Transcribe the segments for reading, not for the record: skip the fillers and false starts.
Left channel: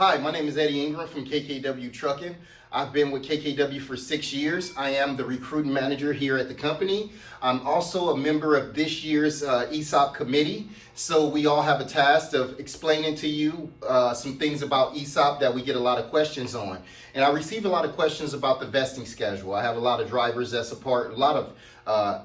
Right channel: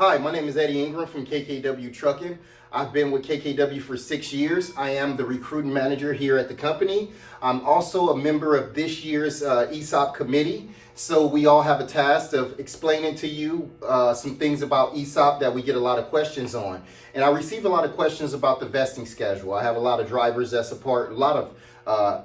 Hi, my name is Ingram from KKW Trucking. I've been with KKW for 6 years. I am the recruiting manager here at the company. I'm also a member of this year's ESOP committee. So we all have a task of explaining to you some things about ESOP that we get a lot of questions on. And I receive a lot of questions about the vesting schedule. I have a lot of drivers that's a lot of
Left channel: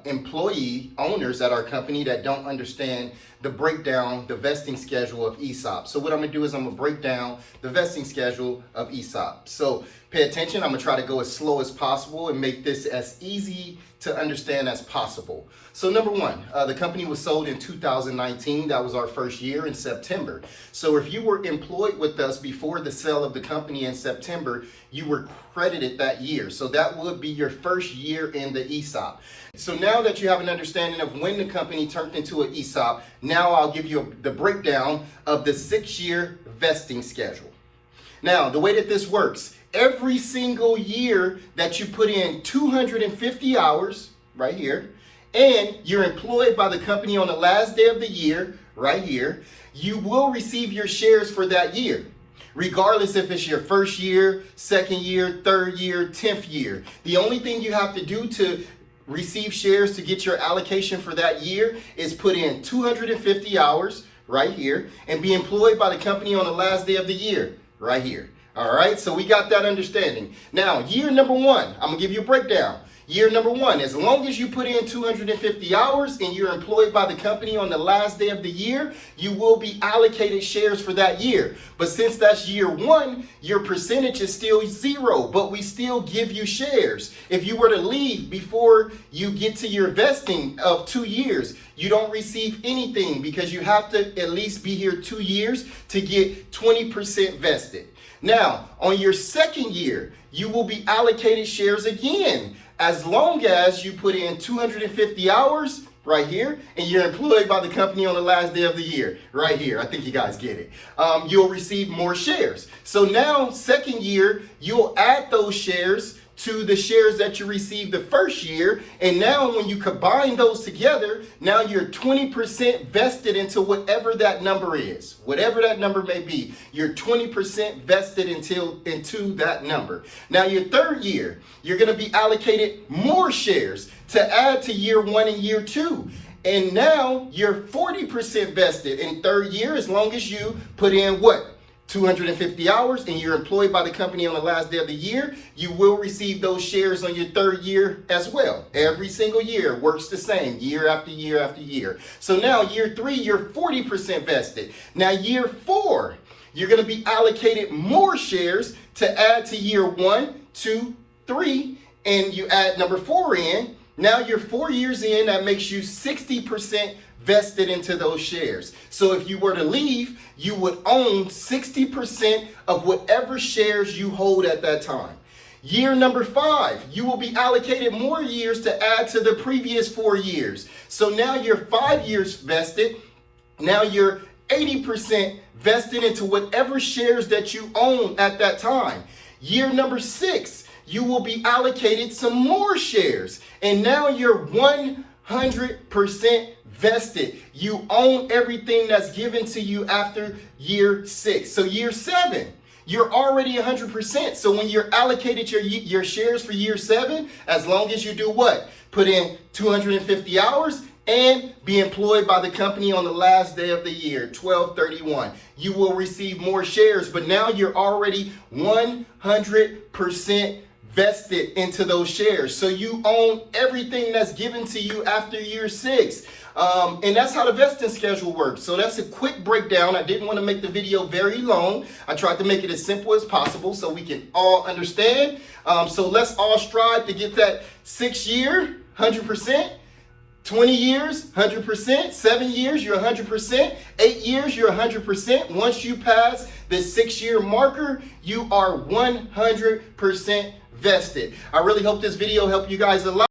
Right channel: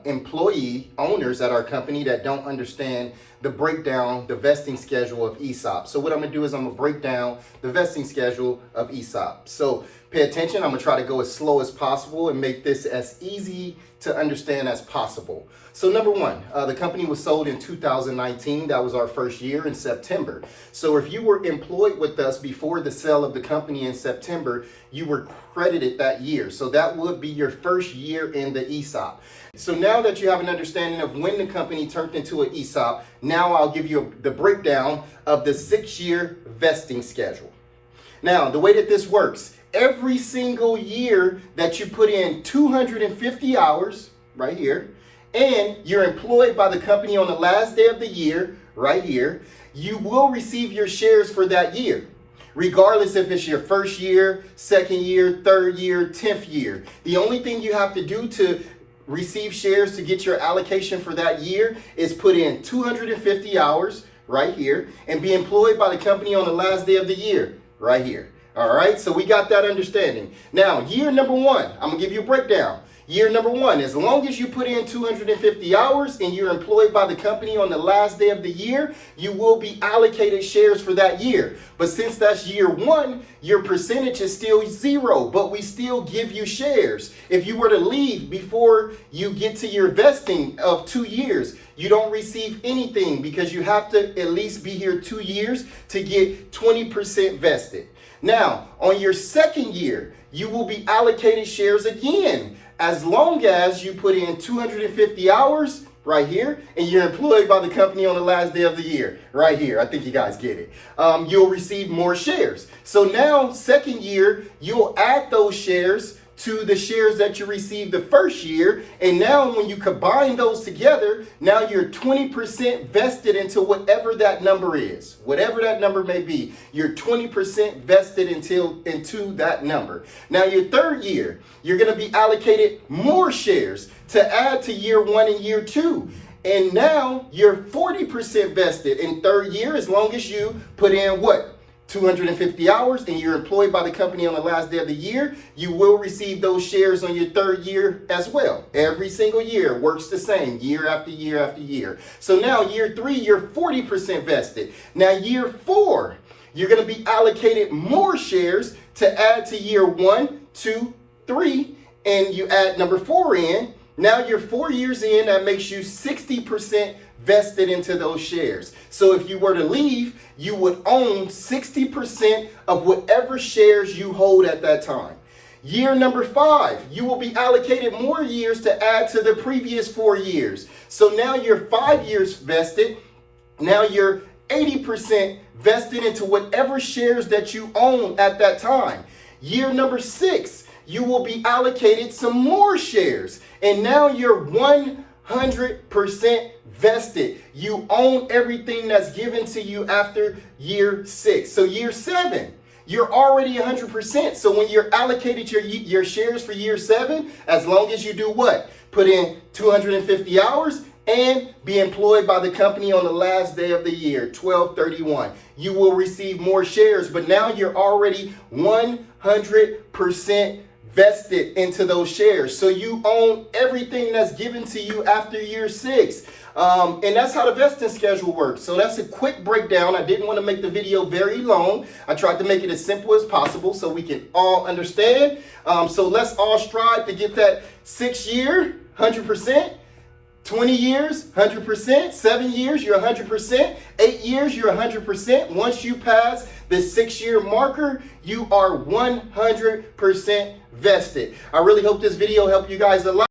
employee owners at our company that don't understand the breakdown, the vesting schedule of ESOP. So what I'm gonna do is I'm gonna break down the vesting schedule of ESOP. So pay attention, I'm gonna try to go as slow as possible and make this as easy to understand as possible. So number one, the company was sold in 2019. That was our first year in September. So if you were employed with us before the sale of the company in September, you were credited that year. So that would be your first year in the ESOP. So now that you have an understanding of when the company turned into an ESOP, now I'll give you the breakdown of the 6-year vesting schedule. Now, the way that this works, every single year that you put in 250 hours, right here, and you're employed by the company on the last day of the year, right here, you will receive your shares for that year, regardless if it's your first year, second year, third year, 10th year. The only thing you have to do to receive shares to get your allocation for that year is put in 250 hours right here and be employed by the company on the last day of the year right here. All right, so we got that understanding. Now, year number one, I'm gonna give you a breakdown. Year number one, as long as you put in 250 hours and you're employed by the company on the last day of the year, you will be allocated shares for that year. But since that's year one, your percentage is still 0, but we still give you shares. If you were to leave before you get to your vesting of 2 years, you don't receive anything because you have to at least be here 2 years to get 20% vested. Now, on your second year, you will be allocated shares again, as long as you put in 250 hours right here, and you're employed by the company on the last day of the year, right here. I think you guys get it. You'll receive more shares. So now, second year, you'll add those shares to the shares that you received the first year. And now when you combine those together, now you're 20% vested into whatever that number is. Whatever that number may be, you're 20% vested into that number. Now your third year, you're gonna be allocated more shares to add to year one and year two. And now you're 40% vested in third year as long as you put in what? 250 hours and you're employed by the company on the last day of the year, you will receive those shares on your third year as well. Every single year works the same, year after year after year. So now year three, you're 40% vested. Now year four, you're gonna be allocated more shares to add to year 1, 2, 3, and you add number 4 in. Now you're 4 years in, that makes you 60% vested into those shares. So if you were to leave, you would own 60% of whatever shares you hold at that time. Year number 5, you will be allocated more years to add to the previous 4 years. So now you're 5 years vested. Now you're 80% vested into whatever shares that you own at that time. Year number 6, you will be allocated some more shares. And now you're 100% vested. You own everything that's given to you after year 6. So year 7, you're already 100%. So when you're allocated your shares for year 7, as long as you do what? Put in 250 hours and be employed by the company on the last day of the year, 12/31. You will receive more shares, but now you're already 100% vested into those shares. So you own everything that's given to you after year 6. And that's how the vesting schedule works. So that's a quick breakdown. I didn't want to make the video very long. I tried to make it as simple as possible so we can all understand. So let's all strive to get that 6 year, 100%. 20 years, 100%. 7 years, you're 100%. 8 years, you're 100%. Once you pass the 6-year marker, you are 100% vested. I really hope this video helped you guys a lot.